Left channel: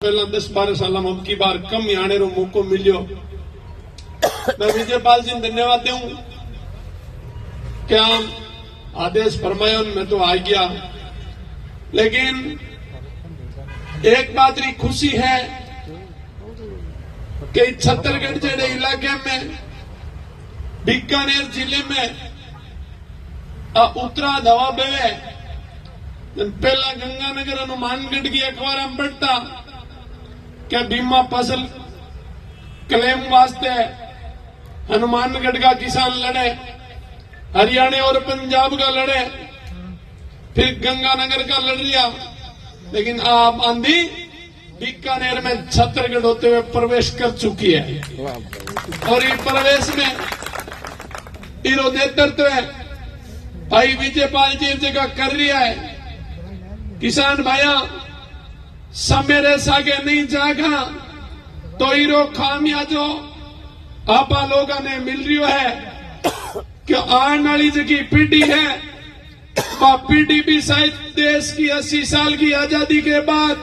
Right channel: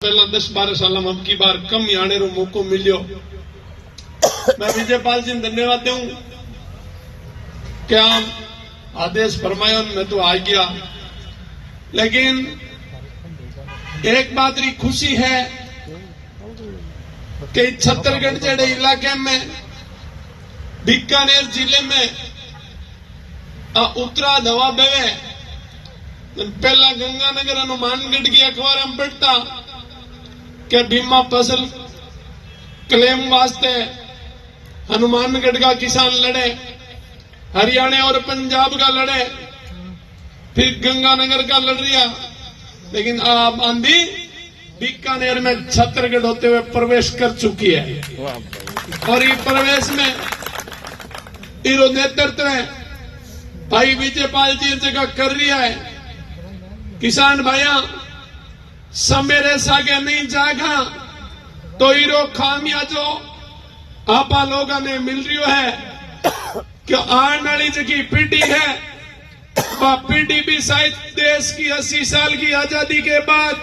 पहला 10-12 साल में अब की बार कम ही आने रो मौको मिलियो। मैं विजयपाल जी धन्यवाद दूं क्या आदेश फरमायो मैं तो आ गया। लेकिन एक बात री खुशी है कि छत्तीसगढ़ जेड़े इलाके में बीकानेर जिले में उत्तरा दवा बेवे पहला गंगानगर हनुमानगढ़ की अखबार में पढ़ता कि बीमा फसल क्लेम वास्ते हनुमानगढ़ का किसान लड़े, हरियाणा और पंजाब का लड़े, फिर गंगानगर का लड़ रिया। लेकिन आप आंधी बीकानेर में छत्तीसगढ़ होते हुए प्रवेश कर चुकी है और ये प्रवेश में इरो नेतृत्व भाई विजयपाल जी जगह कर रहा है। किसान भाइया समेरे सागे नहीं जागा तो इरो खामियाजो आपा लोगों ने मिल रही है कि आने वाली जगह पीढ़ी है वह पीढ़ी भी शायद देश की 80 साल की आजादी के बाद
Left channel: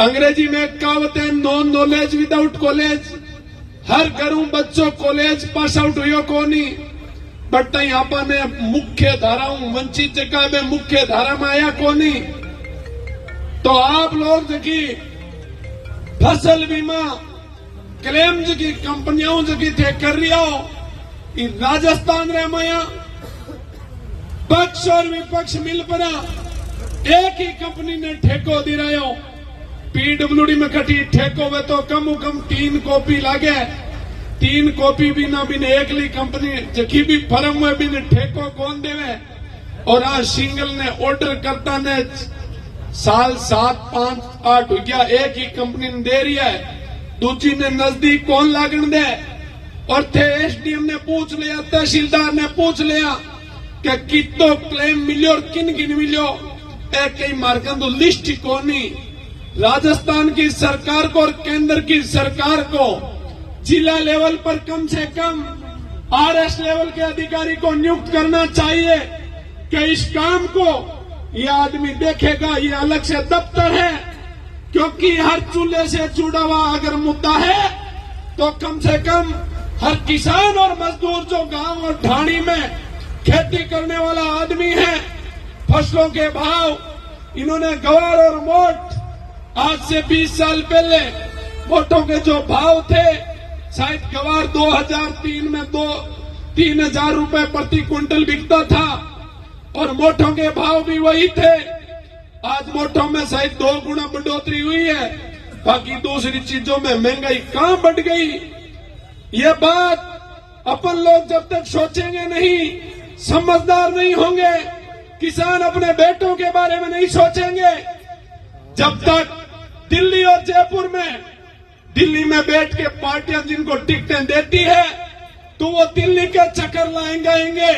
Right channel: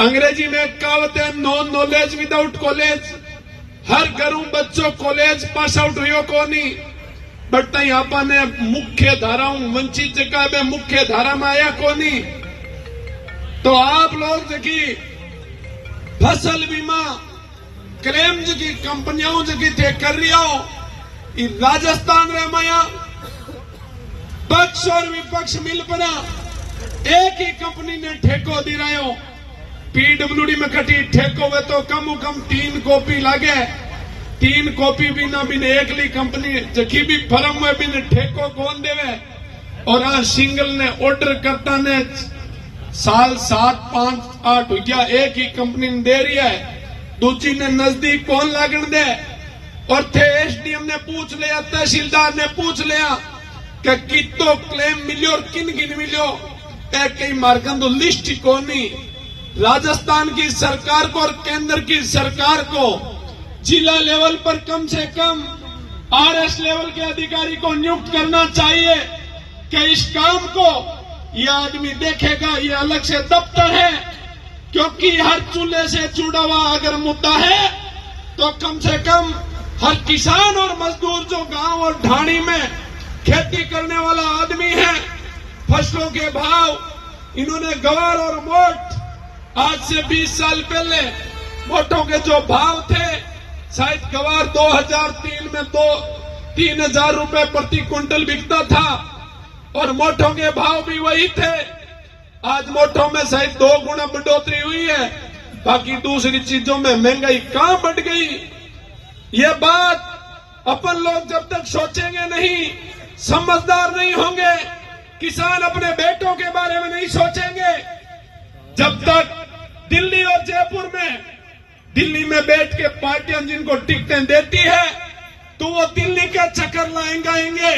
अंग्रेजी में कहावत है नो नॉलेज विदाउट कॉलेज। हर घरों बच्चों कॉलेज पास आउट हुई को नहीं बट आपा ने मुख्य धाराओं वंचित जगह में मुख्य धारा में आया को नहीं। तो आप लोग देखिए फसल बीमा क्लेम जगह कंपनियों जगह थे कर रही हो राजस्थान रे माया पक्ष और विपक्ष मिल पड़ा एक ही कंपनी ने ठेको दे रहे हो। पीडब्ल्यूडी में कटी ठेको वे तो कम कम 3 कॉपी लागे 3 कॉपी बिना बिना एकली कंपनी जखी भी फर्म में बिना ठेको कौन देवे। और आज सिंगल ने ऑर्डर करता ने साल 7, 5, 8 हो गया एक ही कंपनी ने दे रही है, दूसरी ने नजदीक कौन लागण दे। और थे एसडीएम ने पूछ लिया, तहसीलदार ने पूछ लिया कि कितो क्लेम मिलो और किन किन मिलो एक ही मार्कन तो लिस्ट ही कौन नहीं। राजस्थान की सरकार को और केंद्र की सरकार को जिला लेवल पर कम से कम आरएस लेवल के अधिकारी को नियुक्त करना चाहिए कि इस काम को ये आदमी देखेगा। ये अलग से दफ्तर है क्योंकि हर चूल्हे से जुड़ा हुआ अगर मुद्दा है तो कम से कम हर किसान और मजदूर जो गांव और ढाणी में खेती करने वाला आदमी है फसलों के भाव इन्होंने गवार और मोट आज से 20 साल पहले मोटों के जो भाव थे शायद गवार 2003 में 3,000 रुपए प्रति क्विंटल बिकता था और मोटों के भाव भी वही थे। आज मोटों में शायद 2 गुना बढ़ोतरी हुई है, बाकी दूसरी चीजों में महंगाई कहां बढ़ गई। ये बात अपन लोग जब तक सोचेंगे नहीं समझदार नहीं होंगे, किसान अपने बेटों के बारे में नहीं सोचेंगे। जब तक दिल्ली और जयपुर में दिल्ली में बैठ के पार्टियां जिनको टिकटें देती है तो वो दिल्ली के चक्कर लाएंगे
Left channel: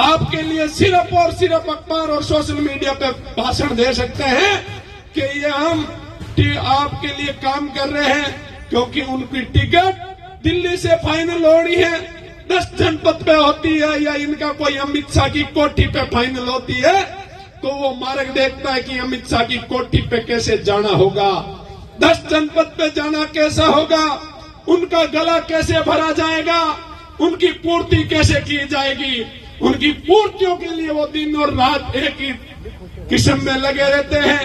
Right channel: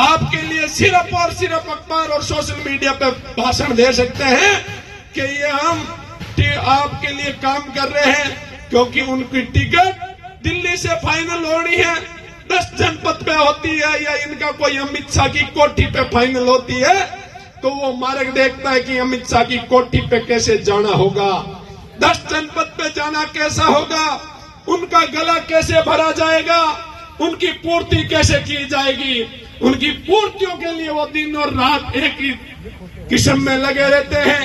आपके लिए सिर्फ और सिर्फ अखबार और सोशल मीडिया पर भाषण दे सकते हैं कि ये हम आपके लिए काम कर रहे हैं क्योंकि उनकी टिकट दिल्ली से फाइनल होनी है, 10 जनपद पे होती है या इनका कोई अमित शाह की कोठी पे फाइनल होती है तो वो मार्ग देखता है कि अमित शाह की कोठी पे कैसे जाना होगा, 10 जनपद पे जाना कैसा होगा, उनका गला कैसे भरा जाएगा, उनकी पूर्ति कैसे की जाएगी। उनकी पूर्तियों के लिए वो दिन और रात एक ही किस्म में लगे रहते हैं।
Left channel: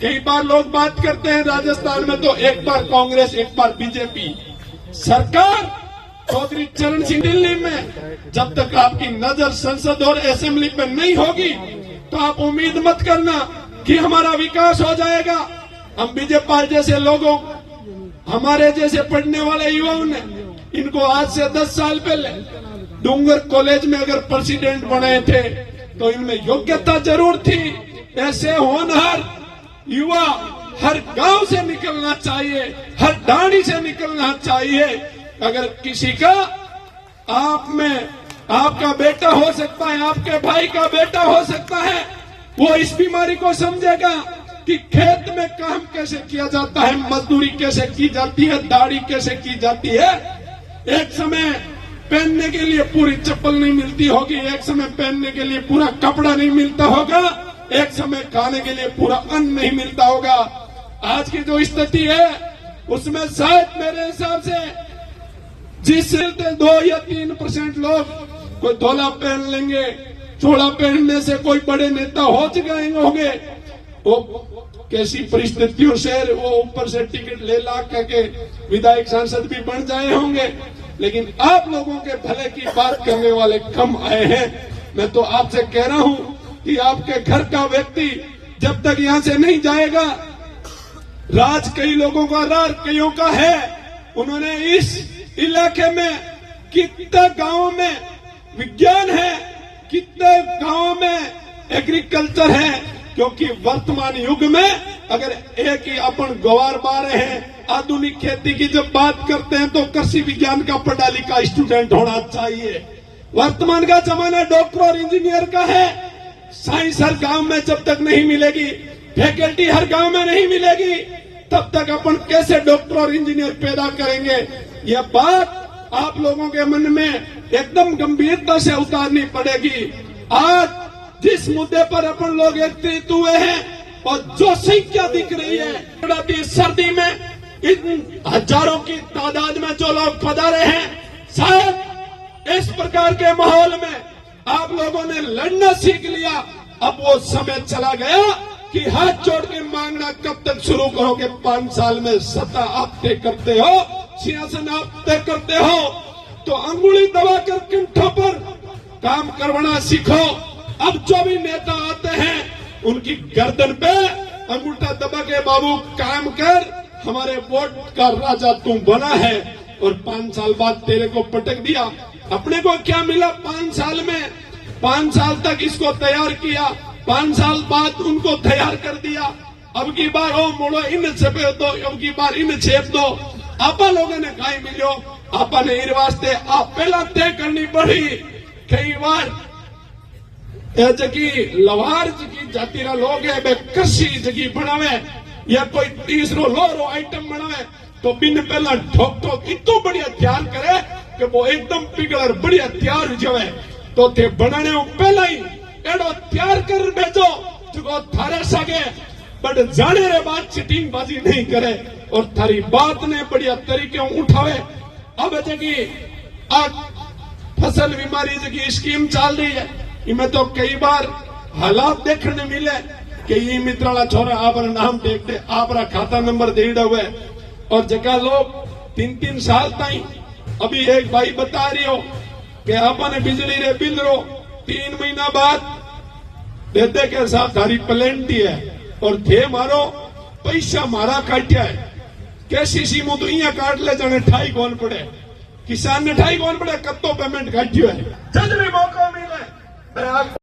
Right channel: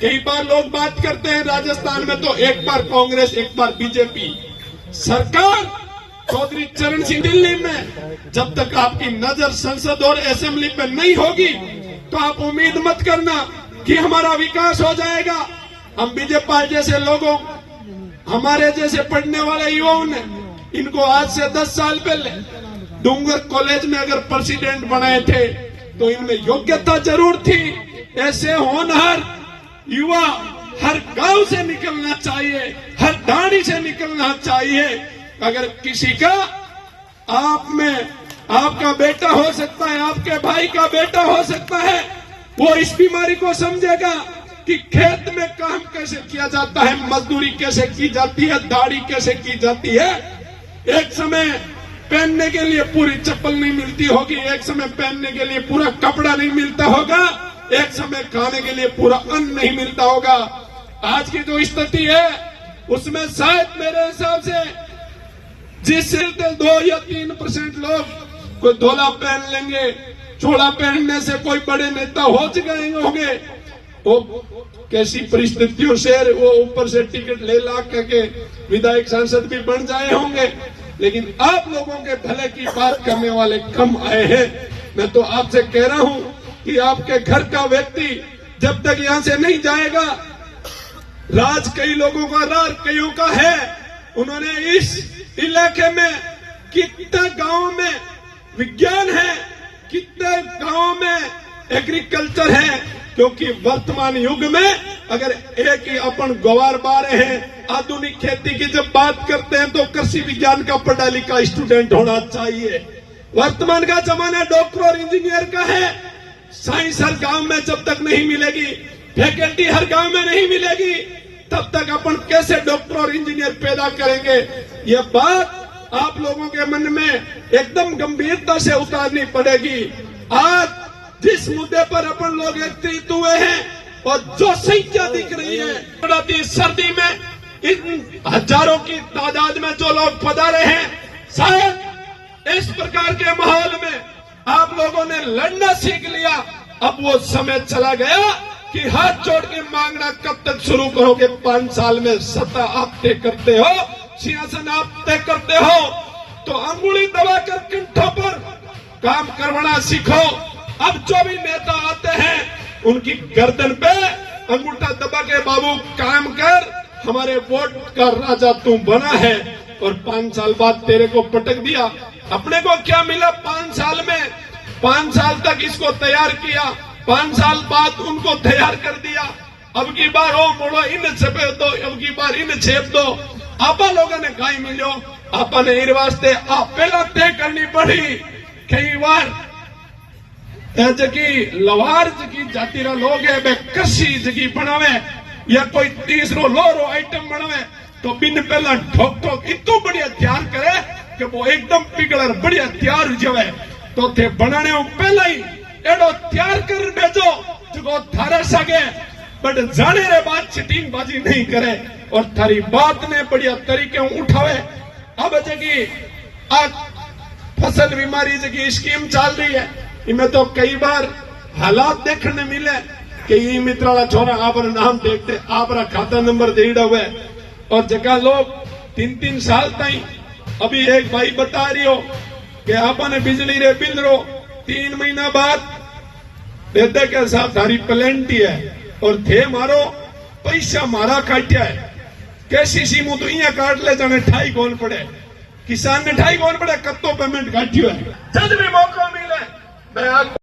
कई बार लोग बात करते हैं राजस्थान में तो एक बार कांग्रेस एक बार बीजेपी सरकार। चौधरी चरण सिंह दिल्ली में जब तक आपकी नजर संसद और असेंबली पे नहीं होगी तो आप उम्मीद मत करना कि हमारा विकास हो जाएगा। हम विजयपाल जैसे लोगों हमारे जैसे पढ़ने वाले युवाओं ने इनको आज से 10 साल पहले डूंगर कॉलेज में अगर प्रेसिडेंट बनाए थे तो इनमें योग्यता जरूर थी। ऐसे होनहार युवा हर गांव से निकलना चाहिए, हर ढाणी से निकलना चाहिए। अगर किसी का आप में आपका बेटा हो सकता है, आपके भाई का बेटा हो सकता है, वो इस बीमारी को समझेगा कि खेत में काम कैसे किया जाता है, मजदूरी कैसे की जाती है, दाढ़ी कैसे की जाती है। एक समय पहनने के लिए पूरी चप्पल नहीं मिलती होगी, एक समय पहनने के लिए पूरा कपड़ा नहीं मिलता होगा, एक समय खाने के लिए पूरा अन्न नहीं मिलता होगा। आज की जो स्थिति है उसमें शायद मेरे हिसाब से जिस 2 या 3% लोग कोई धोला पहन लेंगे, चोला पहनने से कोई बड़े नेता हो गए होंगे, वो कैसी परिस्थितियों से वो ऊपर से टिकट ले ला करके विधायक सांसद भी बन जाए होंगे, लेकिन आप लोगों के भले की बात करने वाले कम आए हैं। मैं तो आपसे कह रहा हूं कि आपके घर का व्यक्ति जब तक यहां से नहीं जाएगा, राज कई लोगों का राज कईयों का है। उन्होंने इस इलाके में कितने गांव में विज्ञान है, कितने गांव में एग्रीकल्चर है, क्योंकि वर्तमान युग में अगर एक ही अपन गवार बारे हैं आधुनिक खेती की जब बात करते हैं तो कृषि विज्ञान का पढ़ा लिखा स्टूडेंट होना चाहिए। वर्तमान का जमाना डॉक्टर और इंजीनियर का है। साइंस हर गांव में जब तक नहीं मिलेगी, फैकल्टी हर गांव में नहीं मिलेगी, तब तक अपन कैसे डॉक्टर और इंजीनियर पैदा करेंगे। यह बात आप लोगों के मन में एकदम गंभीरता से उतारनी पड़ेगी। आज जिस मुद्दे पर अपन लोग एकत्रित हुए हैं और जो संख्या दिख रही है, सर्दी में इन हजारों की तादाद में जो लोग पधारे हैं, शायद इस प्रकार के माहौल में आप लोगों ने लड़ना सीख लिया। अब वो समय चला गया कि हाथ जोड़ के मांगना कब तक शुरू करोगे। 5 साल में सत्ता आप तय करते हो, सिंहासन आप तय करते हो, तो अंगुली दबाकर कंठों पर काम करवाना सीखो। अब जो भी नेता आते हैं उनकी गर्दन पे अंगूठा दबा के बाबू काम कर, हमारे वोट का राजा तू बना है, और 5 साल बाद तेरे को पटक दिया। अपने को क्या मिला 5 साल में? 5 साल तक इसको तैयार किया, 5 साल बाद उनको तैयार कर दिया। अब की बार ओ मोड़ो इन छेप दो, अब की बार इन छेप दो। आपा लोगों ने कहीं मिलो, आपा ने इन वास्ते आप पहला तय करनी पड़ी। कई बार जगी लवार जगी जातिरा लोग है वे कृषि जगी बनावे या कोई तीसरो लोरो आइटम बनावे तो बिन पहला ठोक ठोक इतो बढ़िया तैयार करे कि वो एकदम पिघलर बढ़िया तैयार हो जावे। तो थे बनाने पहला ही एडो तैयार कर भेजो जो थारे सके, बट जाने रे बात चिटिंग बाजी नहीं करे और थारी बात ने बढ़िया तरीके उठावे। अब जगी फसल बीमारी जगी स्कीम चल रही है, इनमें तो कई बार हालात देखने मिले कि ये मित्रा छोरा आप नाम देखते, आप खाता नंबर दे हुए और जगह लोग 3-3 साल तक। अभी एक भाई बता रही हो कि आपने बिजली रे बिल रो 3 महीना बाद देते के साथ थारी प्लेंटी है और थे मारो पैसा मारा काटिया है। कैसी सीमो तो इं काट ले जाने ठाई कौन पड़े, किसान ने ठाई कौन पड़े, कब तो पेमेंट काटियो है। जब भी मौका मिले